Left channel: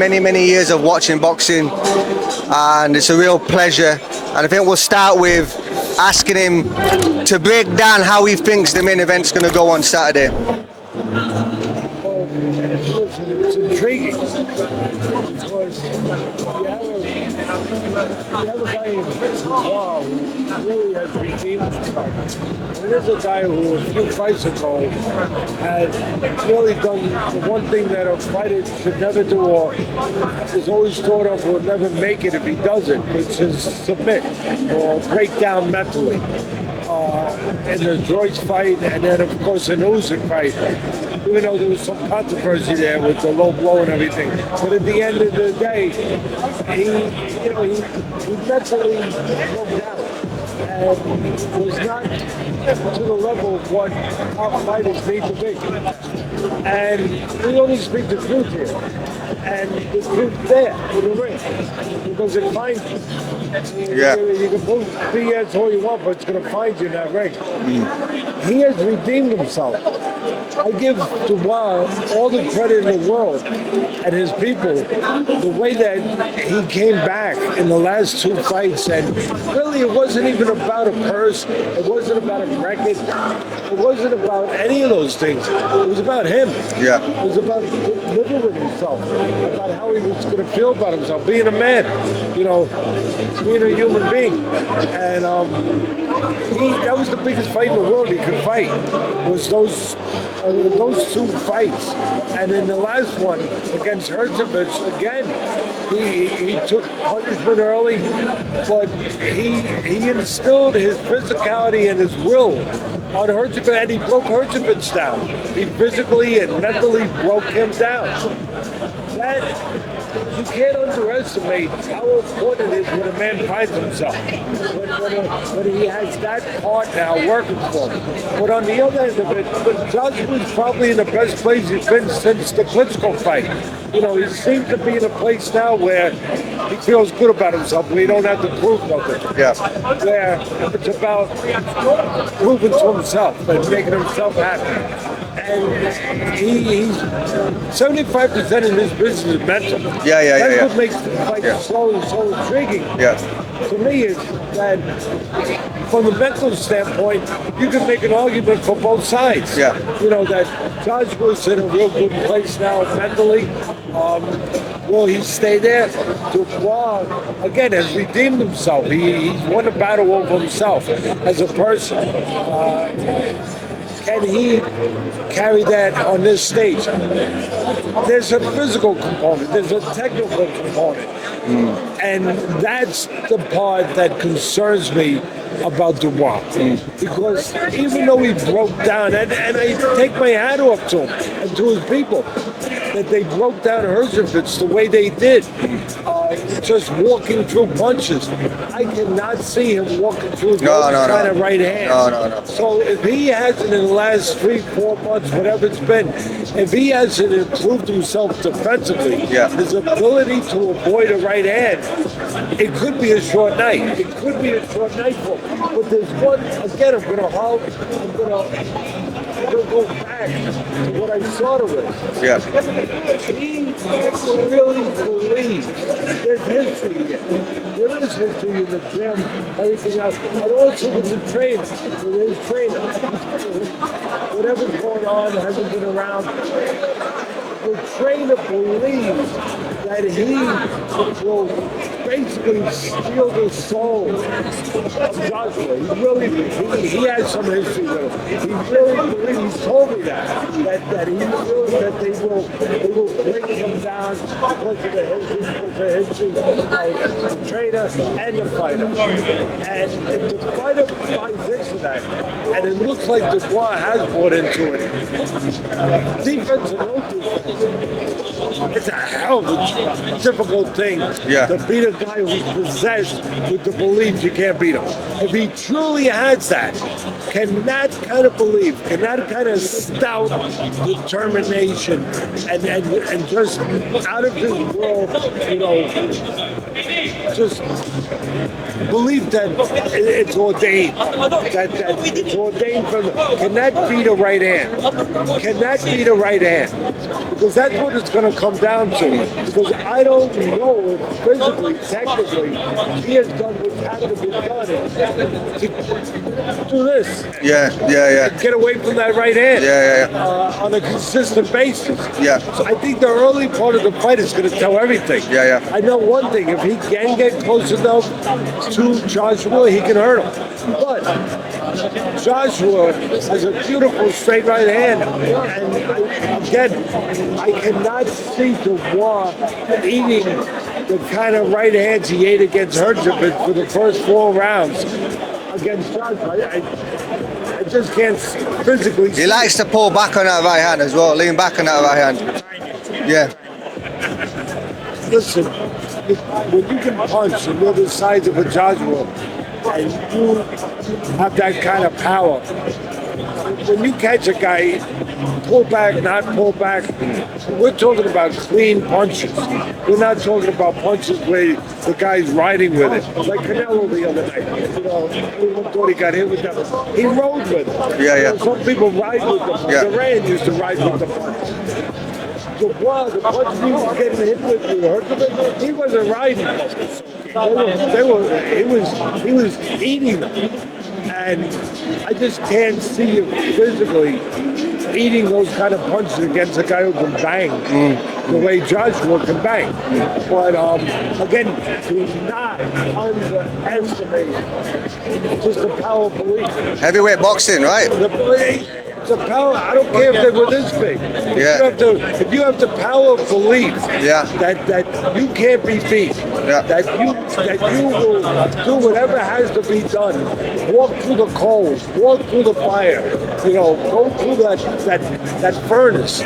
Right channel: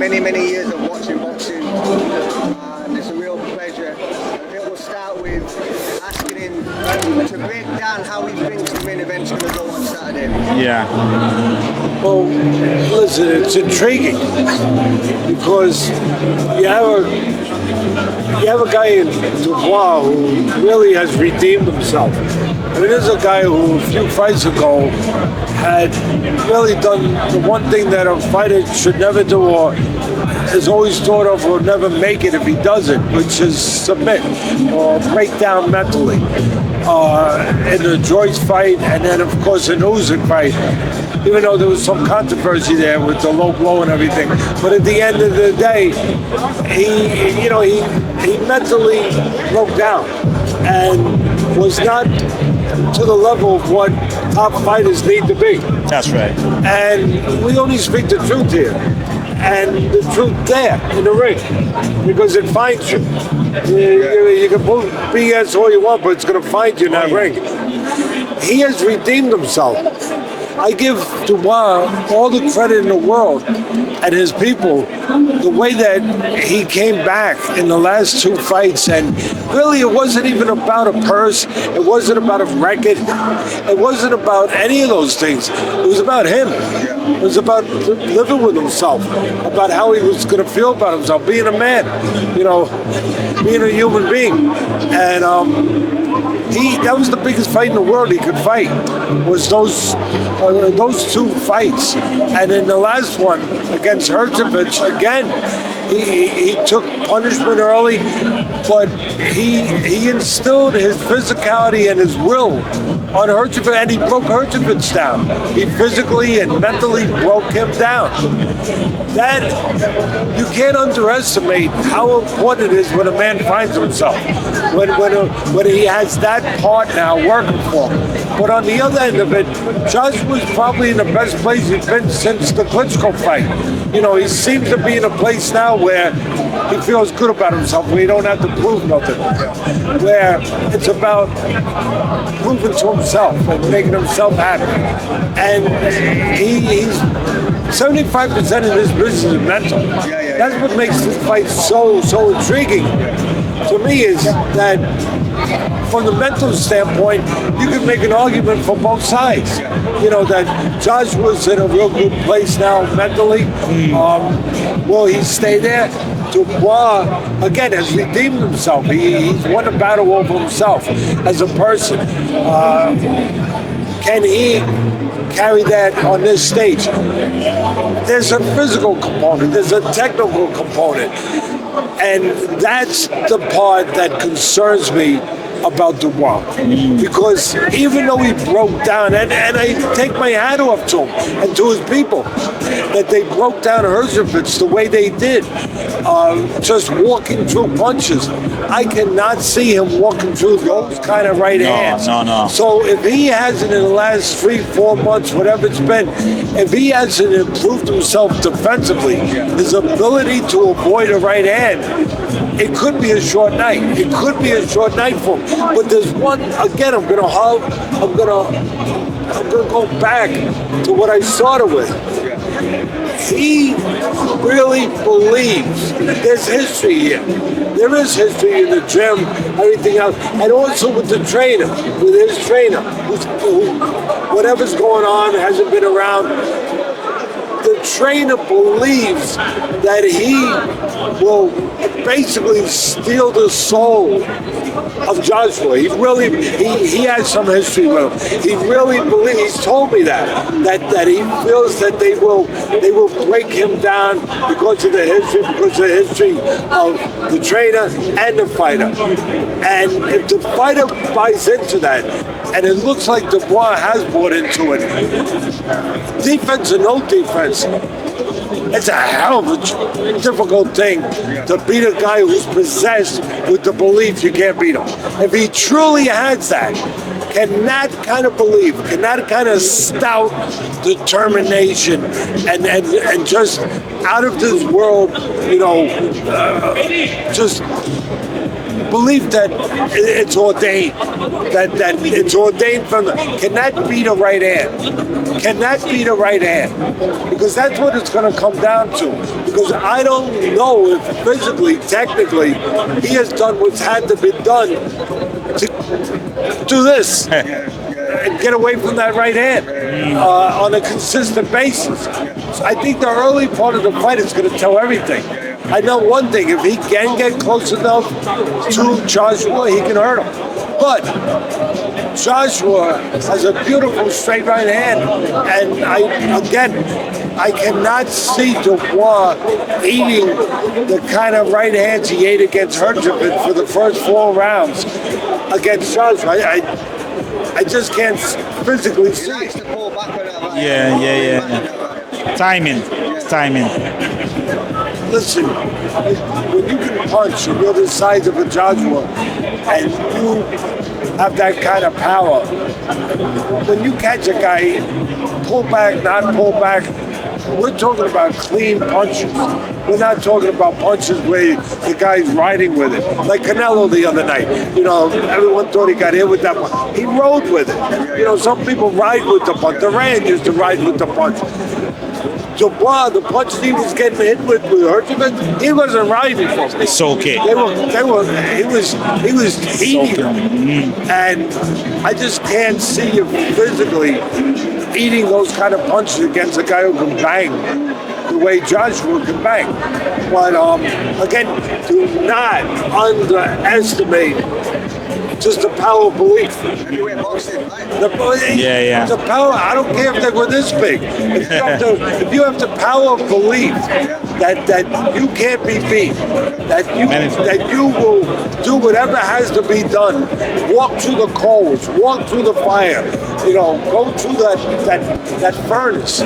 many, many years of watching boxing, and it's a real pleasure. And I think we'll start with asking him to break down how he thinks the main event's going to go on Saturday. Yeah. Well, listen, it's intriguing because you have a guy in Dubois who really has redeemed himself. I mean, there's a guy who a few fights ago had really done the one thing that a fighter should never do, or is always thought of will never make it if he does it, which is submit or break down mentally. In the Joyce fight, and then of course the Usyk fight, even though there was some controversy there with the low blow and everything. But at the end of the day, he mentally broke down and was not to the level of what top fighters need to be. That's right. And we only speak the truth here. And the truth there in the ring, because it finds you. You can move BS all you want, but it's going to find you in that ring. He has redeemed himself. I give Dubois all the credit in the world and his people, the way that he came back in the last two fights. And really, it wasn't even about a purse. It wasn't about a record. It wasn't about any of those things. It was about him. Yeah. It was about living with himself, about how he was going to feel about himself, being a man, being a human being. And that was the biggest fight in the world he could fight, was those two fights. And in the last one against Herjavec, again, he took punishment early, but he instilled his physicality and his will on Herjavec, and he broke Herjavec down. He physically and mentally broke him down. That, you can't underestimate how important it is when a man finds himself, when he has that part now working for him. But on the other end of it, Joshua's probably in the best place he's been since the Klitschko fight. He seems to be in a place now where he feels good about himself, where he don't have to prove nothing. Yeah. Where it's about proving to himself and making himself happy. And he's 75% of this business is mental. That's what makes this fight so intriguing. To me, is that from the mental standpoint, you can make an argument for both sides. That Joshua's in a real good place now mentally. Will he stay there? Dubois, again, has redeemed himself. He's won a battle over himself as a person. Can he carry that on this stage? There's a physical component, there's a technical component, and that's the part that concerns me about Dubois, because even though he broke down, and I take my hat off to him and to his people, that they broke down Herjavec the way they did, just walking through punches. I cannot see him walking through those kind of right hands. No. So if he hasn't in the last 3-4 months, whatever it's been, if he hasn't improved himself defensively, his ability to avoid a right hand, it could be a short night. It could be a short night for him. But there's one, again, I'm gonna go back to what I started with. He really believes there's history here. There is history in the gym, everything else, and also with the trainer, with his trainer, who whatever's going on hasn't been around. The trainer believes that he will basically steal the soul of Joshua. He has some history with him. He really believes. He's told me that he feels that they will break him down because of the history of the trainer and the fighter. And if the fighter buys into that, and it looks like Dubois has bought into it, defense or no defense, it's a hell of a difficult thing to beat a guy who's possessed with the belief you can't beat him. If he truly has that, can that kind of belief, can that kind of stout determination and just out of this world, just belief that it's ordained, that it's ordained from the, can that be the right hand? Can that be the right hand? Because that's what it's going to come down to. Because I don't know if physically, technically, he has done what's had to be done to do this. And get away from that right hand on a consistent basis. So I think the early part of the fight is going to tell everything. I know one thing, if he can get close enough to Joshua, he can hurt him. But Joshua has a beautiful straight right hand, and I cannot see Dubois eating the kind of right hands he ate against Herjavec for the first 4 rounds against Joshua. I just can't physically see. He likes to pull back on that right hand as well, lean back on that right hand. Timing. Timing. Listen, when you can punch and you're the size of a Joshua and you have that kind of power, when you catch a guy, pull back, not pull back, we're talking about clean punches. We're not talking about punches where the guy's riding with it. Like Canelo the other night. You know, everyone thought he got hit with that one. He rode with it. You know, some people ride with the punch. Duran used to ride with the punch. Dubois, the punches he was getting hit with Herjavec, he wasn't riding for them. It's okay. He was eating them. And I just can't see him physically eating those kind of punches against a guy who can bang the way Joshua can bang. But again, do not underestimate just the power of belief. Heavyweight boxing, right? The power, I don't care if they were this big. If you have the power of belief that you can't be beat, that you will do whatever has to be done, walk through the coals, walk through the fire, you know, go through that furnace.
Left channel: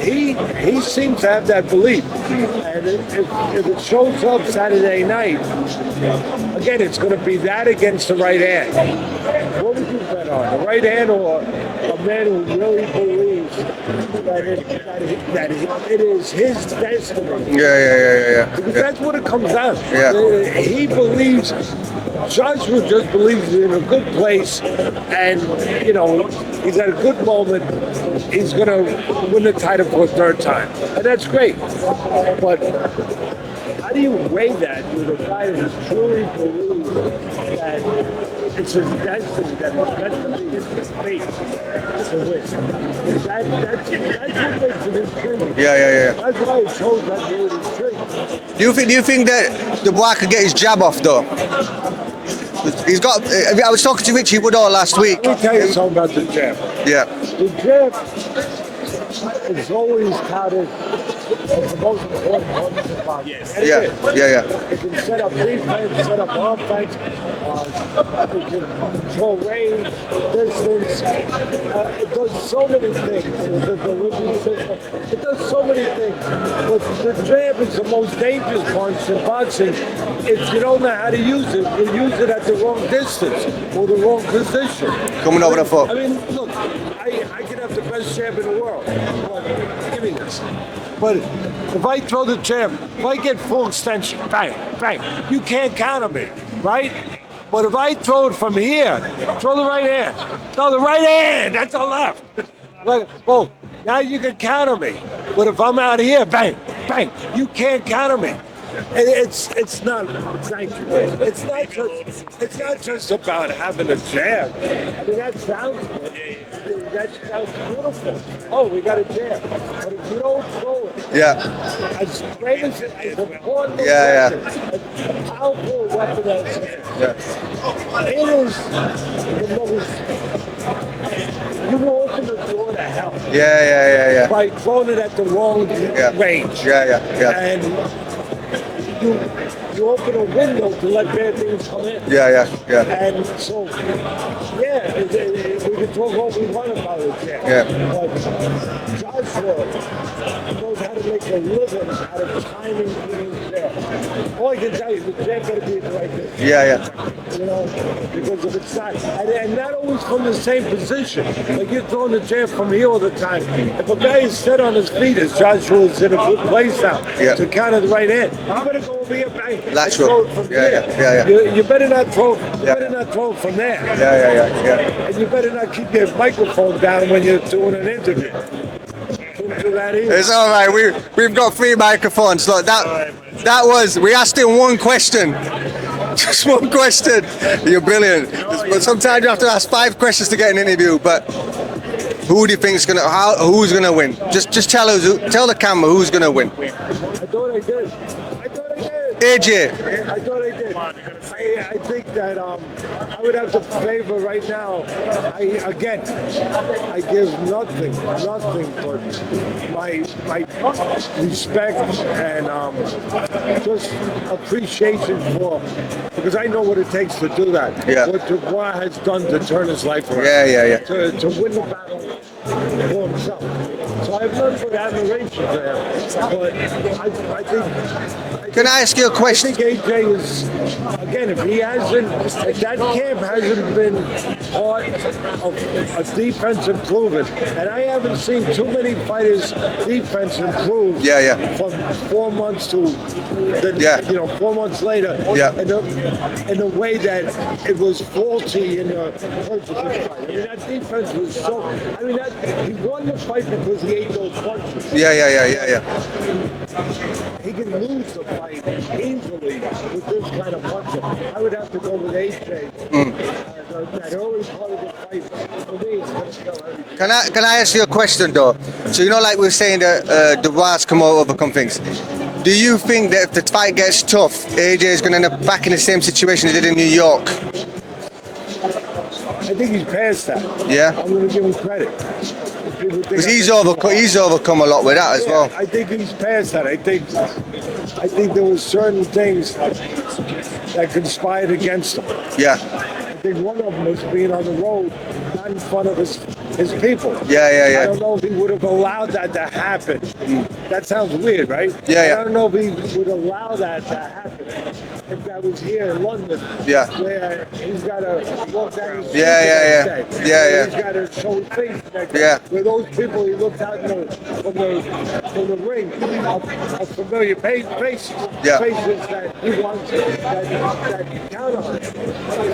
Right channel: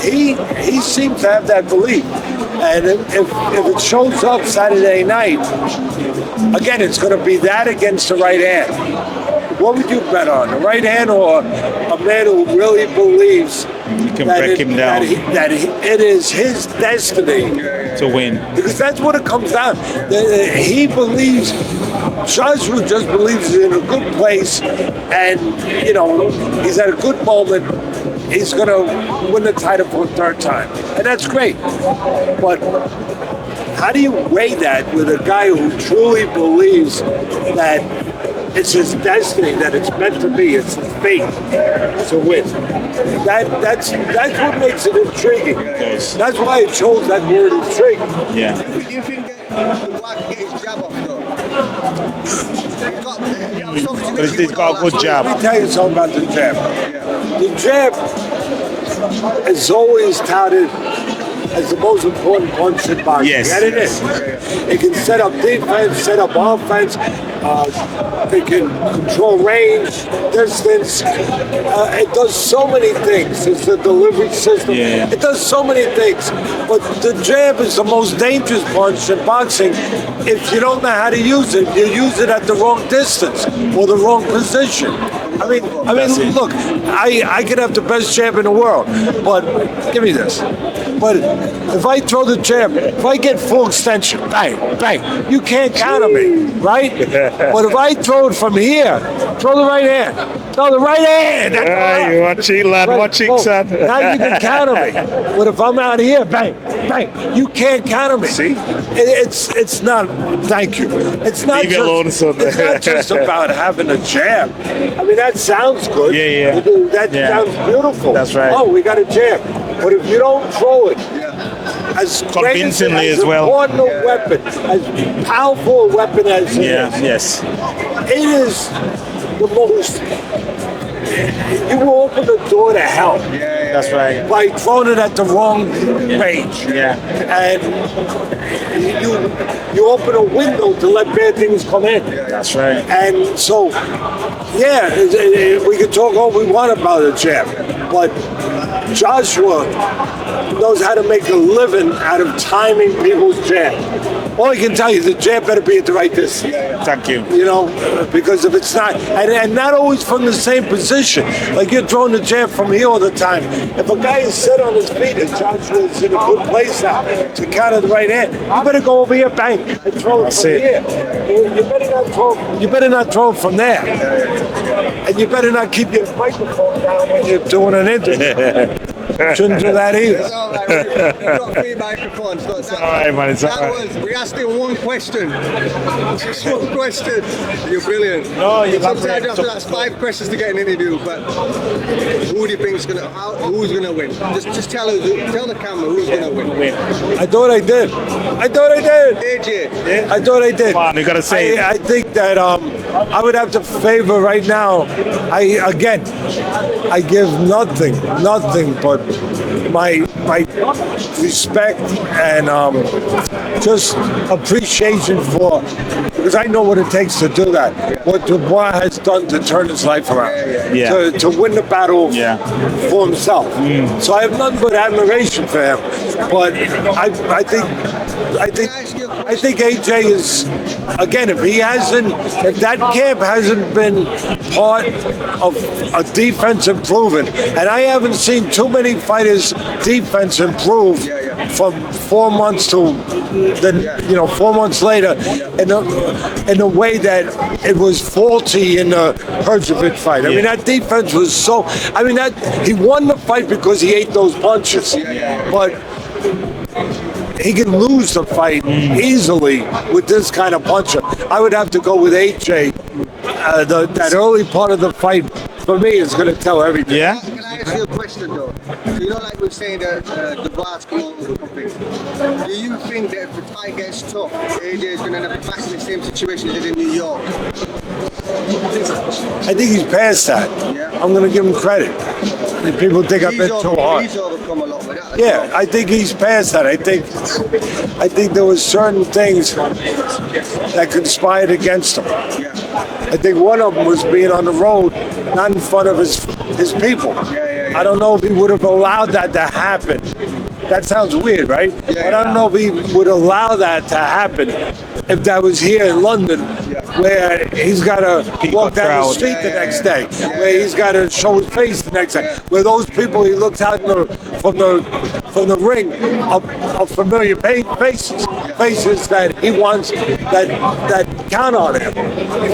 He seems to have that belief. And if it shows up Saturday night, again, it's going to be that against the right hand. What would you bet on, the right hand or a man who really believes that it is his destiny to win? Because that's what it comes down. He believes. Joshua just believes he's in a good place, and you know he's at a good moment. He's going to win the title for a 3rd time, and that's great. But how do you weigh that with a guy who truly believes that it's his destiny, that it's meant to be, it's his fate to win? That's what makes it intriguing. That's why I chose that word intriguing. Do you think that Dubois could get his jab off though? He's got. I was talking to Richie Woodall last week. Let me tell you something about the jab. The jab is always touted as the most important punch in boxing. And it is. It can set up defense, set up offense. It can control range, distance. It does so many things. It's the delivery system. It does so many things. But the jab is the most dangerous punch in boxing. If you don't know how to use it, you use it at the wrong distance or the wrong position. I mean, look, I could have the best jab in the world, but give me this. But if I throw the jab, if I get full extension, bang, bang, you can't counter me, right? But if I throw it from here, throw the right hand. Throw the right hand. That's all right. You watching, lad, watching, son. Now you can counter me. But if I'm out here, bang, bang, you can't counter me. See? It's not, thank you. It's not, it's not just about having a jab. I mean, that sounds good. That sounds beautiful. That's right. Oh, we got a jab. But if you don't throw it, as convincingly as well, important a weapon, as powerful a weapon as it is, it is the most. You will open the door to hell. That's right. By throwing it at the wrong range. And you open a window to let bad things come in. That's right. And so, we can talk all we want about the jab, but Joshua knows how to make a living out of timing people's jab. All I can tell you is the jab better be at the right distance. Thank you. You know, because if it's not, and not always from the same position. Like you're throwing going to jab from here all the time. If a guy is set on his feet, as Joshua's in a good place now to counter the right hand, you better go over here, bang. That's throw right. it from here. You better not throw. You better not throw it from there. And you better not keep your microphone down when you're doing an interview. Shouldn't do that either. It's all right. We've got 3 microphones. Look, that all right, man. It's all right. was. We asked him one question. Just one question. You're brilliant. But sometimes you have to ask 5 questions to get an interview. But who do you think is who's gonna win? Just tell the camera who's gonna win. I thought I did. AJ. I thought I did. Come on, you gotta say it. I think that I would have to favor right now. I give nothing but my respect and just appreciation for, because I know what it takes to do that. What Dubois has done to turn his life around. To win the battle for himself. So I have nothing but admiration for him. But I think. Can I ask you a question? I think AJ is, again, if that camp hasn't been part of a defense improvement, and I haven't seen too many fighters' defense improve from 4 months to 4 months later in a way that it was faulty in the Herzovic fight. I mean, that defense was so. I mean, he won the fight because he ate those punches. But he can lose the fight easily with this kind of puncher. I would have to go with AJ. That early part of the fight, for me, is going to tell everything. Can I ask you a question, though? So, like we were saying that Dubois come out overcome things. Do you think that if the fight gets tough, AJ is going to end up back in the same situation he did in New York? I think he's past that. I'm going to give him credit. People think he's overcome a lot with that as well. I think he's past that. I think there was certain things that conspired against him. I think one of them was being on the road, not in front of his people. I don't know if he would have allowed that to happen. That sounds weird, right? I don't know if he would allow that to happen if that was here in London, where he's got to walk down the street the next day, where he's got to show his face the next day, where those people he looks out from the ring are familiar faces, faces that he wants, that count on him,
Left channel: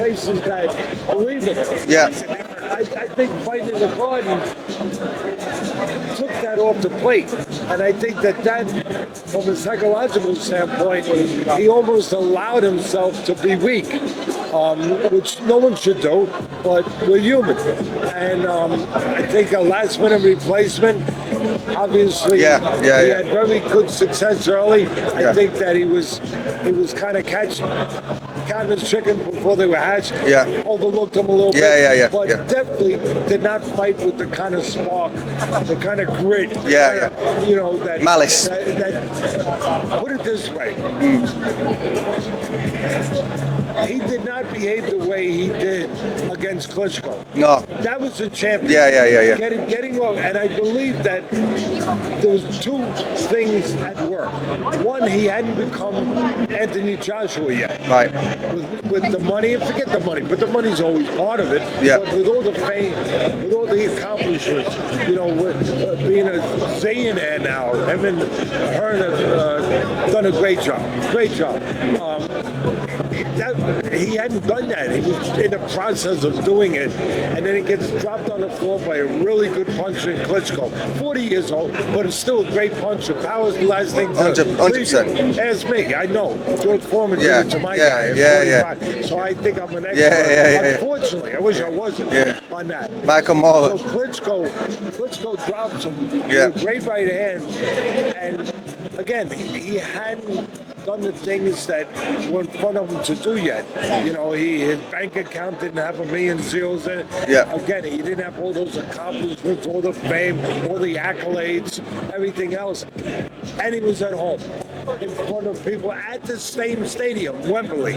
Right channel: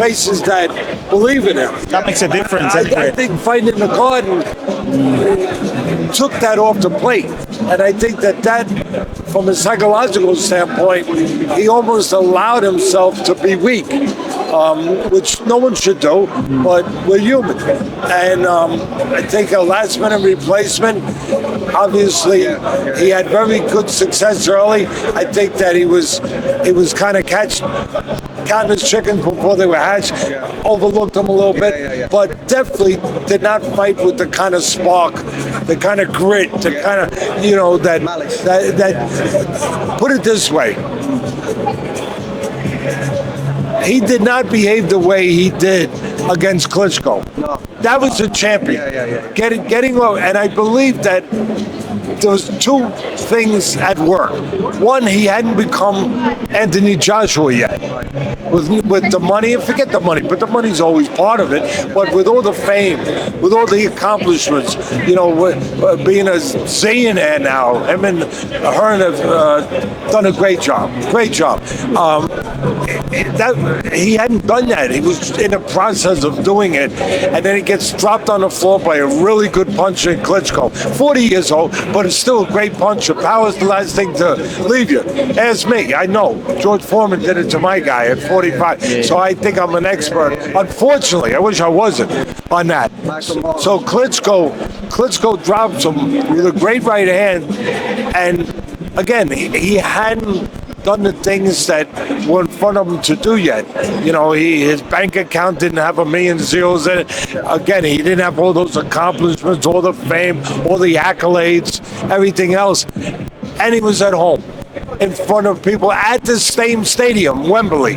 faces that believe in him. That makes a difference. I think fighting in the Garden took that off the plate, and I think that from a psychological standpoint, he almost allowed himself to be weak, which no one should do, but we're human. And I think a last-minute replacement, obviously, he had very good success early. I think that he was kind of counting his chickens before they were hatched, overlooked him a little bit, but definitely did not fight with the kind of spark, the kind of grit, the kind of, that malice. That put it this way. He did not behave the way he did against Klitschko. No. That was a champion. Getting over, and I believe that there was 2 things at work. One, he hadn't become Anthony Joshua yet. Right. With the money, forget the money, but the money's always part of it. But with all the fame, with all the accomplishments, being a zillionaire now, him and her have done a great job. He hadn't done that. He was in the process of doing it, and then he gets dropped on the floor by a really good puncher in Klitschko. 40 years old, but it's still a great puncher. Power's the last thing to leave you. Ask me. I know. George Foreman did it to my guy at 45. So I think I'm an expert. Unfortunately, I wish I wasn't on that. So Klitschko drops him with a great right hand, and again, he hadn't done the things that were in front of him to do yet. His bank account didn't have $1 million zeros in it. Again, he didn't have all those accomplishments, all the fame, all the accolades, everything else. And he was at home in front of people at the same stadium, Wembley.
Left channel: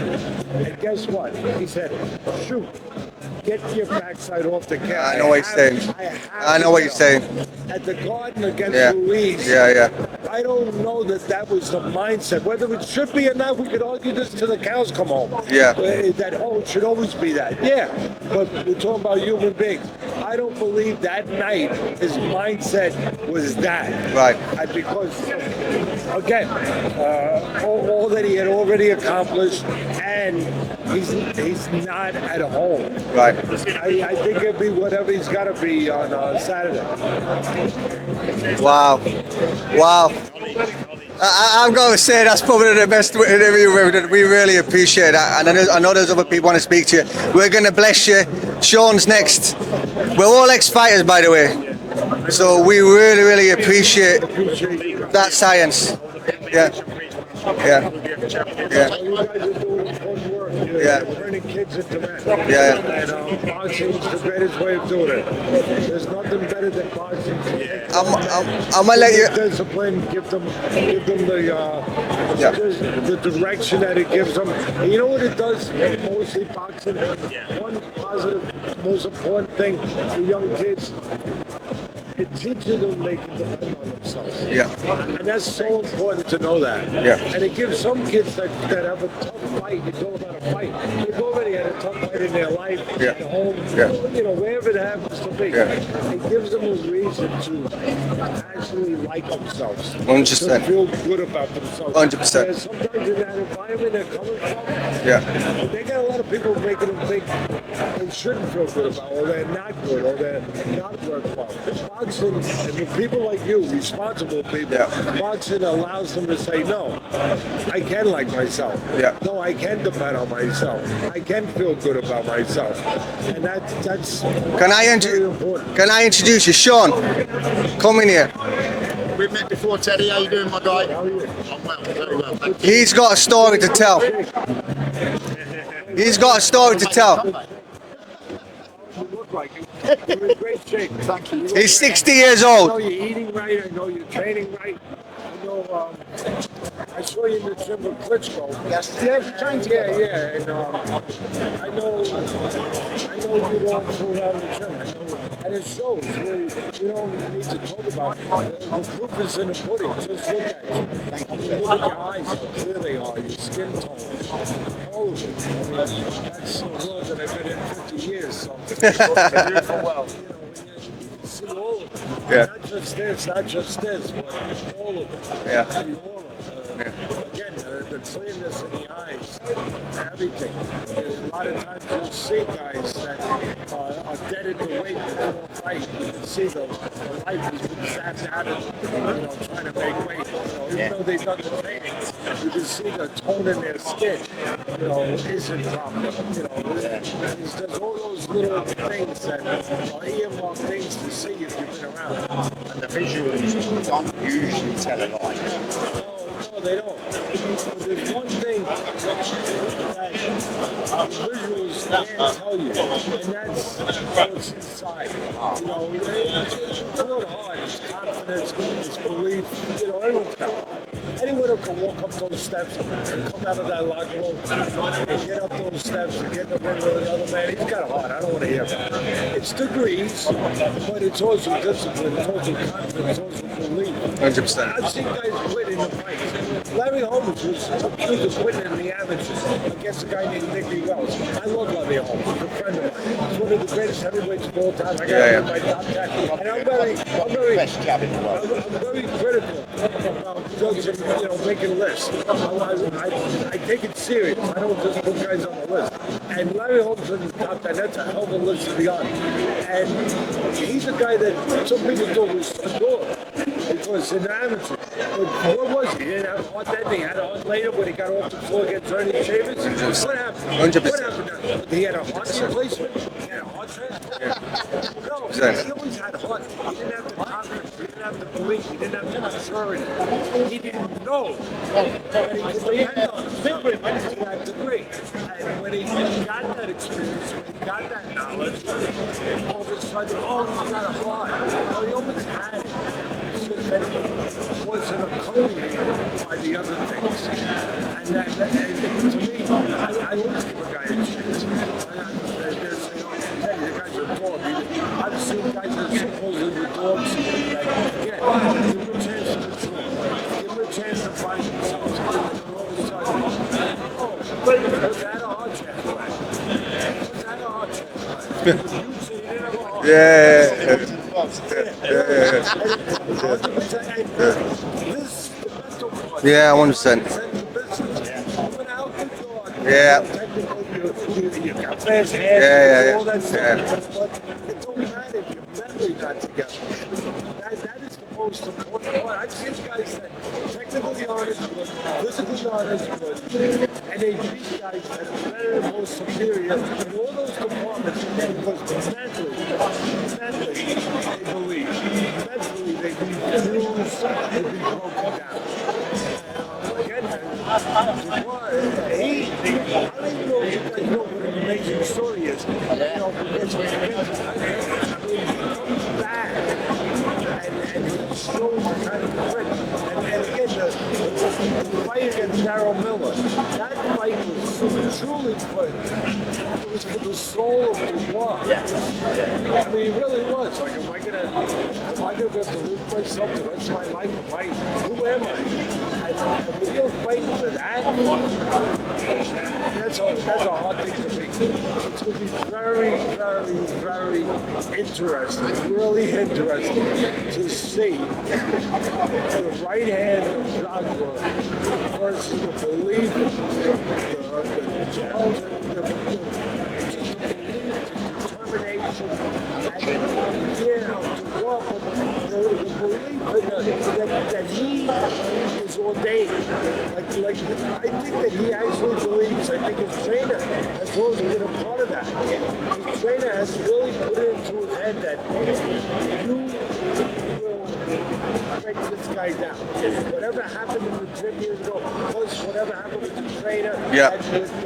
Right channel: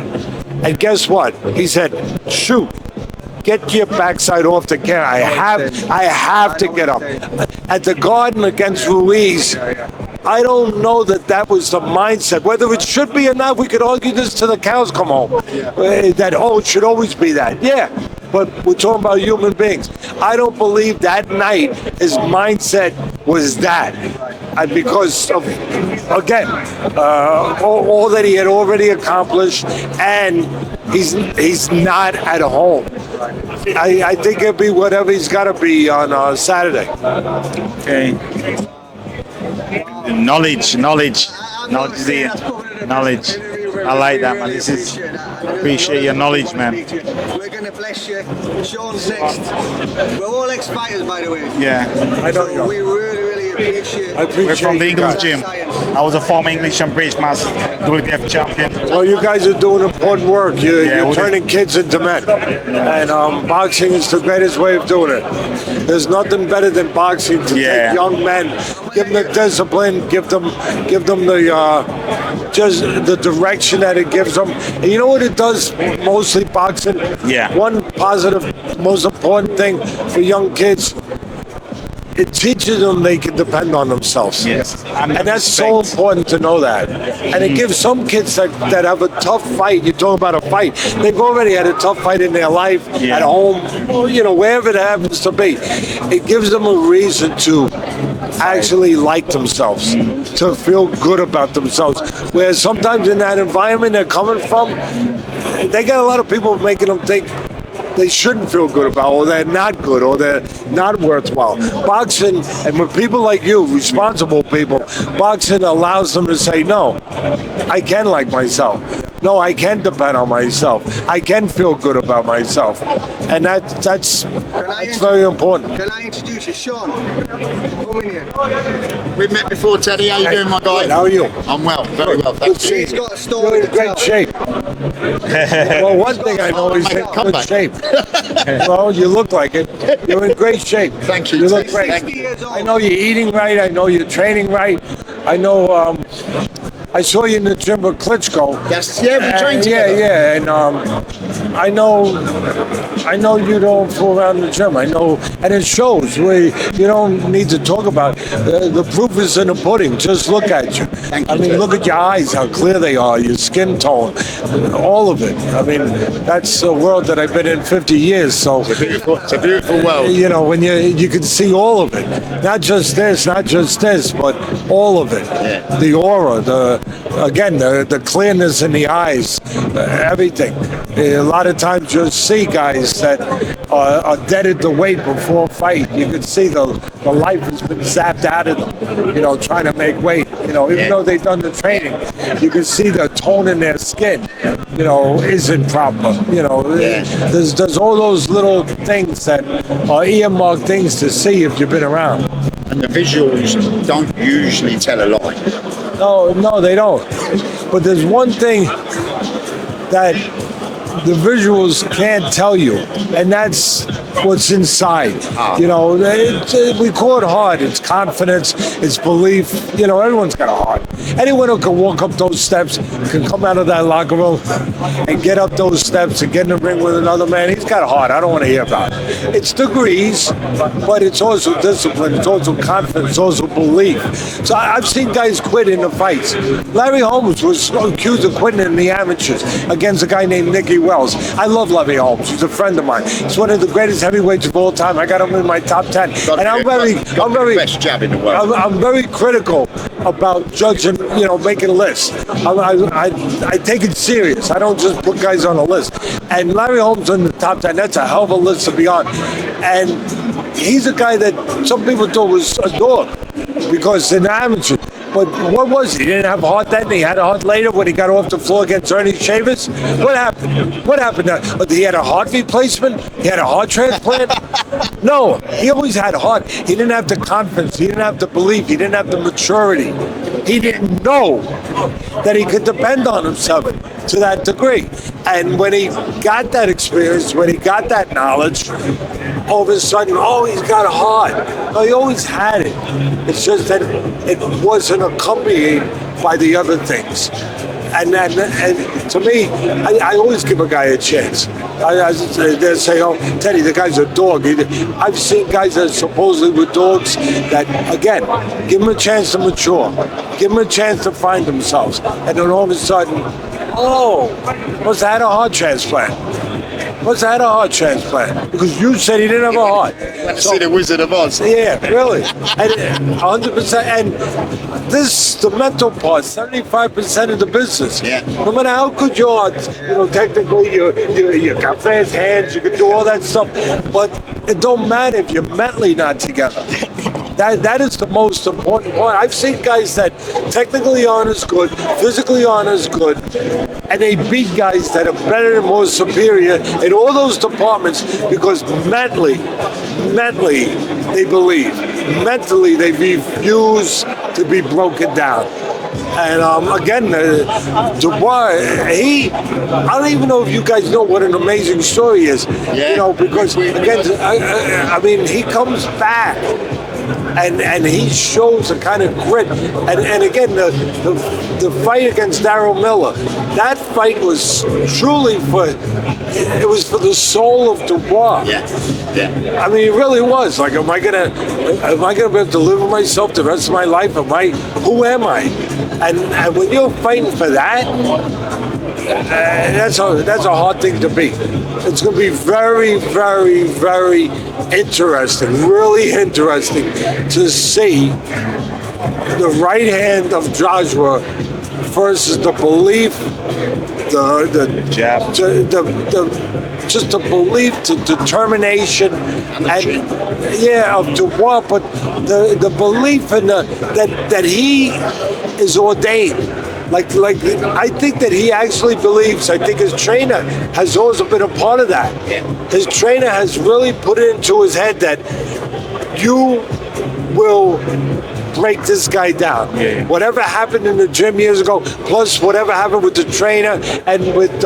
And guess what? He said, shoot. Get your backside off the camera. I have to get up. At the Garden against Ruiz, I don't know that was the mindset. Whether it should be or not, we could argue this till the cows come home. That, it should always be that. but we're talking about human beings. I don't believe that night his mindset was that. Right. And because of, again, all that he had already accomplished, and he's not at home. Right. I think it'll be whatever he's got to be on Saturday. Okay. Wow. Knowledge. I'm going to say that's probably the best Knowledge. interview. We I like that, really man. appreciate that. And I know Appreciate there's your other people want to knowledge, speak to you. We're going to bless you. Sean's next. We're all ex-fighters, by the way. Yeah. So we really appreciate We're from the English that gym. science. I was a former English and British master, WBF champion. Well, you guys are doing important work. You're we're turning kids into men. And boxing is the greatest way of doing it. There's nothing better than boxing to take young men, I'm gonna give let them discipline, give them the just the direction that it gives them. And you know what it does mostly, boxing? Yeah. One positive, most important thing for young kids, it teaches them they can depend on themselves. Yes. And that's so important to know that. And it gives some kids that have a tough fight. You talk about a fight. They've already had a tough fight in their life, at home, you know, wherever it happens to be. It gives them a reason to actually like themselves, 100%. to feel good about themselves. 100%. Whereas sometimes in that environment they're coming from, they got a lot of people making them think they shouldn't feel good about, or they're not good, or they're not worthwhile. Boxing, and with people like you, responsible people, boxing allows them to say, no, I can like myself. No, I can depend on myself. I can feel good about myself. And that's very important. Can I introduce you? Sean, come in here. We've met before, Teddy. How you doing, my guy? How are you? I'm well, very well. Thank you. He's got a story to You're in tell. great shape. Well, one He's got a thing I story know to is tell. you're in good shape. Well, you look like it. You're in great shape. Thank you. look He's great. 60 years I old. know you're eating right. I know you're training right. I know. I saw you in the gym with Klitschko. Yes, yeah, we trained together. Yeah, and I know you don't fool around in the gym. I know, and it shows. You don't need to talk about it. The proof is in the pudding. Just look at you. Thank you, I mean, Ted. look at your eyes, how clear they are, your skin tone, all of it. I mean, that's a world that I've been in 50 years. So It's a beautiful world. you know, when you can see all of it, not just this, but all of it. The aura, the clearness in the eyes, everything. A lot of times you'll see guys that are deaded to weight before a fight. You can see the life has been zapped out of them, you know, trying to make weight. You know, even though they've done the training, you can see the tone in their skin, you know, isn't proper. You know, there's all those little things that are earmarked things to see if you've been around. And the visuals don't usually tell a lie. No, they don't. But there's one thing that the visuals can't tell you, and that's what's inside. You know, we call it heart. It's confidence. It's belief. You know, everyone's got a heart. Anyone who can walk up those steps, can come out of that locker room and get up those steps and get in the ring with another man, he's got a heart. I don't want to hear about it. It's degrees, but it's also discipline. It's also confidence. It's also belief. So I've seen guys quit in the fights. Larry Holmes was accused of quitting in the amateurs against a guy named Nicky Wells. I love Larry Holmes. He's a friend of mine. He's one of the greatest heavyweights of all time. I got him in my top 10. And I'm very best jab in the world. I'm very critical about judging, you know, making lists. I take it serious. I don't just put guys on a list. And Larry Holmes in the top 10, that's a hell of a list to be on. And he's a guy that some people thought was a dog because in the amateur. But what was he? He didn't have a heart then? He had a heart later when he got off the floor against Ernie Chavis? What happened? What happened? He had a heart replacement? He had a heart transplant? No, he always had a heart. He didn't have the confidence. He didn't have the belief. He didn't have the maturity. He didn't know that he could depend on himself to that degree. And when he got that experience, when he got that knowledge, all of a sudden, he's got a heart. No, he always had it. It's just that it wasn't accompanied by the other things. And to me, I always give a guy a chance. They say, Teddy, the guy's a dog. I've seen guys that supposedly were dogs that, again, give them a chance to mature. Give them a chance to find themselves. And then all of a sudden, must have had a heart transplant. Must have had a heart transplant because you said he didn't have a heart. Yeah. See the Wizard of Oz. Yeah, really. And 100%. And this, the mental part, Yeah, 75% of the business. Yeah. No matter how good you are, technically you got fast hands, you can do all that stuff, but it don't matter if you're mentally not together. That is the most important part. I've seen guys that technically aren't as good, physically aren't as good, and they beat guys that are better and more superior in all those departments because mentally they believe. Mentally they refuse to be broken down. And again, Dubois, I don't even know if you guys know what an amazing story is. Yeah. You know, because again, I mean, he comes back. And he shows a kind of grit. And again, the fight against Darryl Miller, that fight was truly for the soul of Dubois. Yeah. I mean, it really was. Like, am I gonna be able to live with myself the rest of my life? Who am I? And when you're fighting for that, that's a hard thing to beat. It's going to be very, very, very interesting, really interesting to see the right hand of Joshua versus the belief, the jab, just the belief, the determination, and of Dubois, but the belief in that he is ordained. Like I think that he actually believes. I think his trainer has also been a part of that. His trainer has really put it into his head that you will break this guy down. Whatever happened in the gym years ago, plus whatever happened with the trainer and with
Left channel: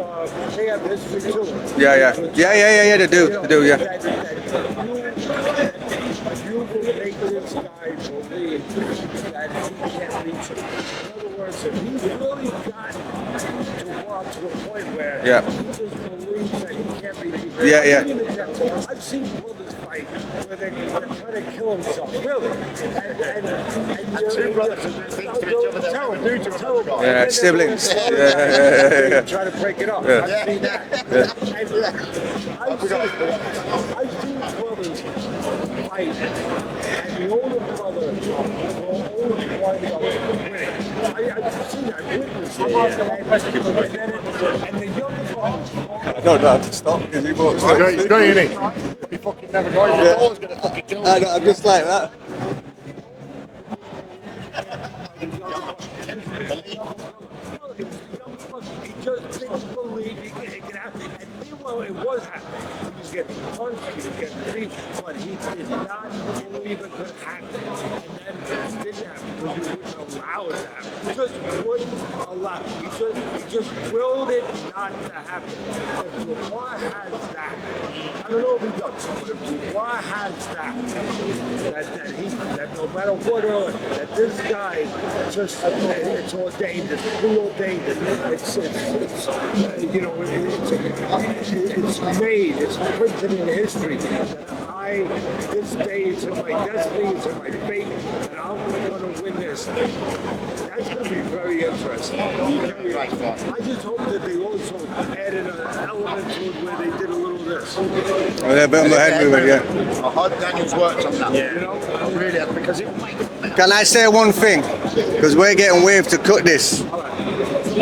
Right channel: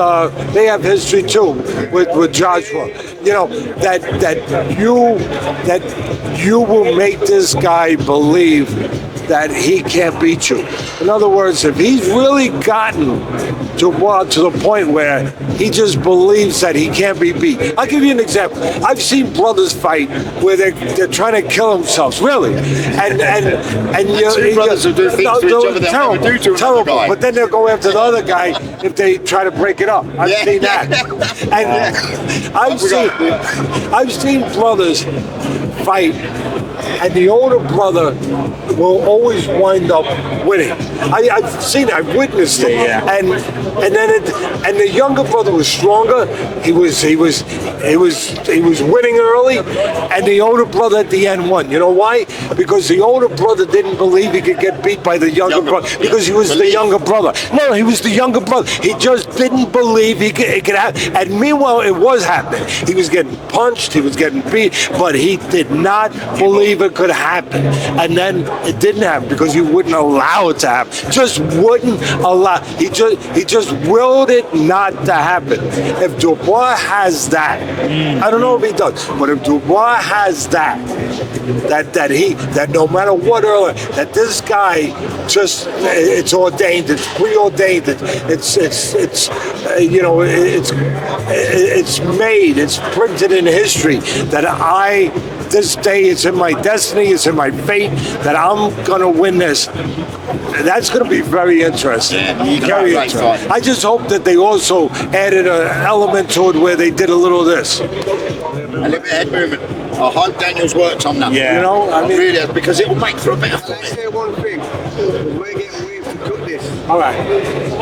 they have history too. With Joshua. They do. You know, that you will make this guy believe that he can't beat you. In other words, if he's really gotten Dubois to the point where he just believes that he can't be beat. I'll give you an example. I've seen brothers fight where they're trying to kill themselves, really. And two brothers who do things to each other they'll never do to another guy. But then they'll go after the other guy if they try to break it up. I've seen that. And I've seen brothers fight, and the older brother will always wind up winning. I've seen it. I've witnessed it. And the younger brother was stronger. He was winning early, and the older brother at the end won. You know why? Because the older brother didn't believe he could get beat by the younger brother because he was the younger brother. No, he was the younger brother. He just didn't believe it could happen. And meanwhile, it was happening. He was getting punched. He was getting beat, but he did not believe it could happen. And then it didn't happen because he wouldn't allow it to happen. Just wouldn't allow. He just willed it not to happen. If Dubois has that, I don't know if he does, but if Dubois has that no matter what earlier, that this guy just it's ordained, it's preordained, it's made, it's printed in history that this day it's in my destiny, it's in my fate that I'm gonna win this. That's going to be very interesting. Very interesting. I just hope that they also added an element to it where they did a little of this. I hope Daniel's worked on that. You know, I mean, really, because it will make for a better. Can I say one thing? Because we're getting waved to cut this. All right.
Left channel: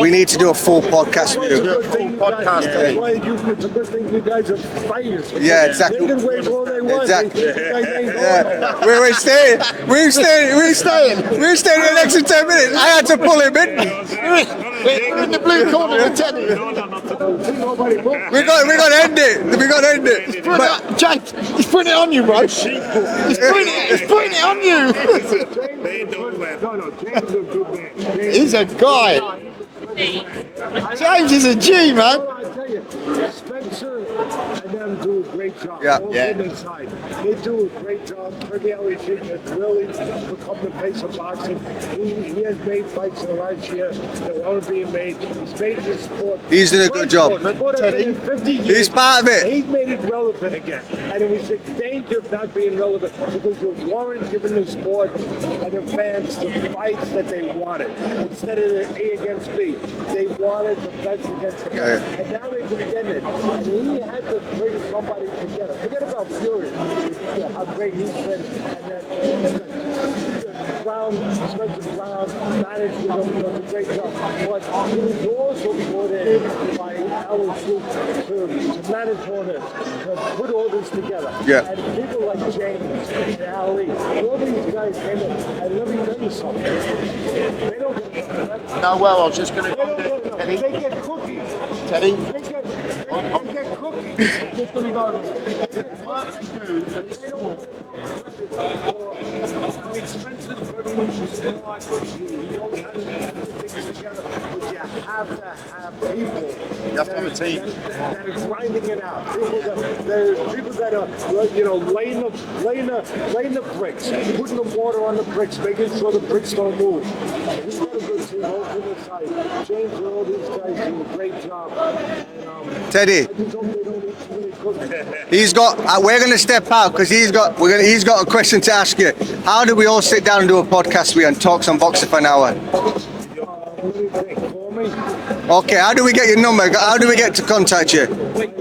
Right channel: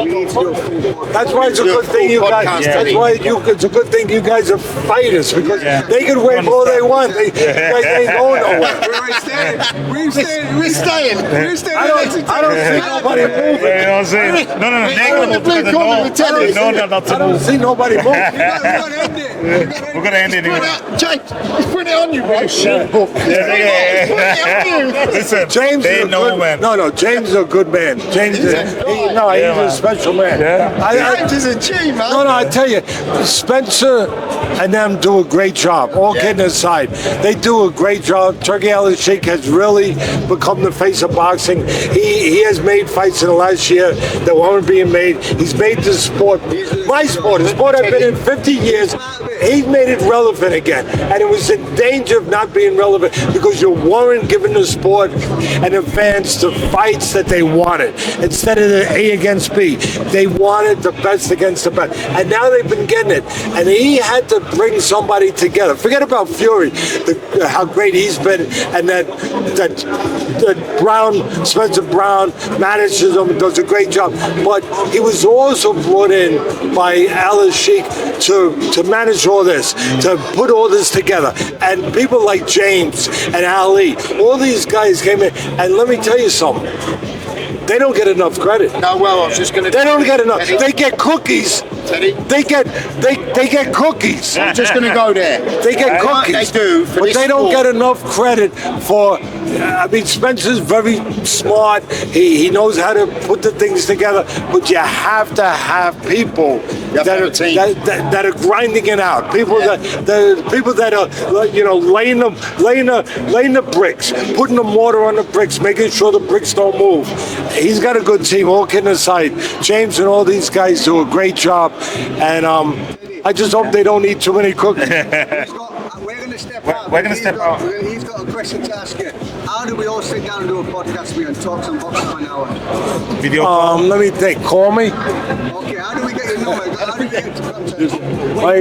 We need to do a full podcast. That's why it's a good thing you guys. That's why it's a good thing you guys are fighters. Because exactly. they can wave all they want. Exactly. They ain't going nowhere. We're staying. We're staying the next 10 minutes. I had to pull him in. You know what I'm saying? No. They're going to the blue corner of the telly. No, not to I don't see nobody move. We got to end it. We got to end it. James, he's putting it on you, bro. He's putting it on you. Listen, James they is a know, good man. No, James is a good man. James He's a guy. He's a special man. James is a G, man. No, I tell you, Spencer and them do a great job. All kidding aside, they do a great job. Turkey Ali Sheikh has really become the face of boxing. He has made fights in the last year that weren't being made. He's made this sport. He's doing a my good sport. job. The sport I've been in 50 years. He's part of it. He's made it relevant again, and it was in danger of not being relevant because you weren't giving the sport and the fans the fights that they wanted. Instead of the A against B, they wanted the best against the best. And now they've been getting it. And he had to bring somebody together. Forget about Fury, how great he's been, and that Brown, Spencer Brown, manages him, does a great job. But he was also brought in by Alice Sheik to manage all this, to put all this together. Yeah. And people like James and Ali, all these guys came in. And let me tell you something. They don't get enough credit. No, well, I was just going to. They don't get enough. Teddy. They get cookies. Teddy. They get cookies. I'm just going to go there. They get What cookies. they do for but this they don't sport. get enough credit for. I mean, Spencer's very smart. He knows how to put the things together. But you have to have people have to have a team. that are grinding it out. People that are laying the bricks, putting the mortar on the bricks, making sure the bricks don't move. He's got a good team. All kidding aside, James and all these guys do a great job. And Teddy, I just hope they don't eat too many cookies. he's got. We're going to step out because he's got a question to ask you. How do we all sit down and do a podcast with you and talk some boxing for an hour? Video call. Let me think. Call me. Okay, how do we get your number? How do we get to contact you?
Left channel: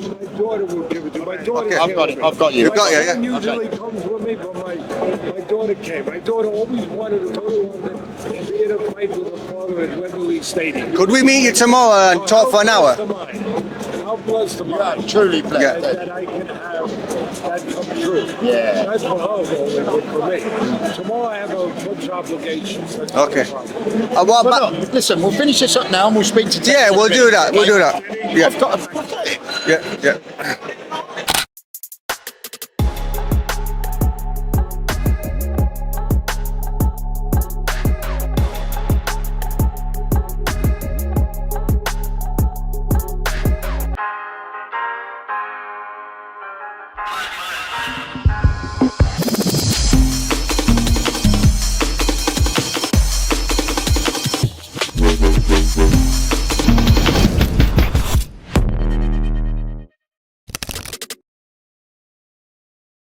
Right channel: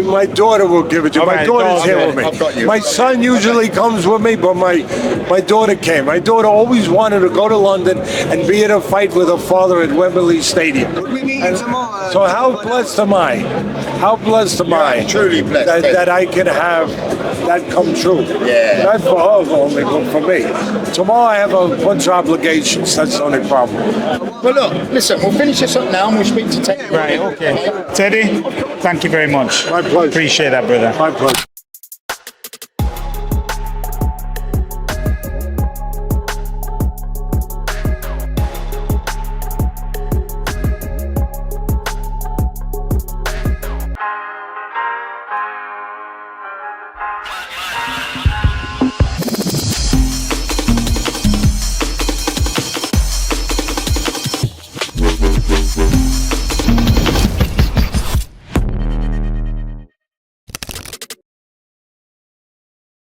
My daughter will give it to you. My right, daughter's here with me. I've got you. My I've got you, son yeah. usually comes with me, but my daughter came. My daughter always wanted to go to London and be in a fight with her father at Wembley Stadium. Could we meet you tomorrow and So talk how for an blessed hour? am I? How blessed am I? truly blessed. That I can have that come true. Yeah. Not for her only, but for me. Tomorrow I have a bunch of obligations. That's the only Okay. problem. What But about- look, listen, we'll finish this up now and we'll speak to Teddy. yeah, we'll do that. We'll do that. Teddy, Yeah. thank you very much. My pleasure. Appreciate that, brother. My pleasure.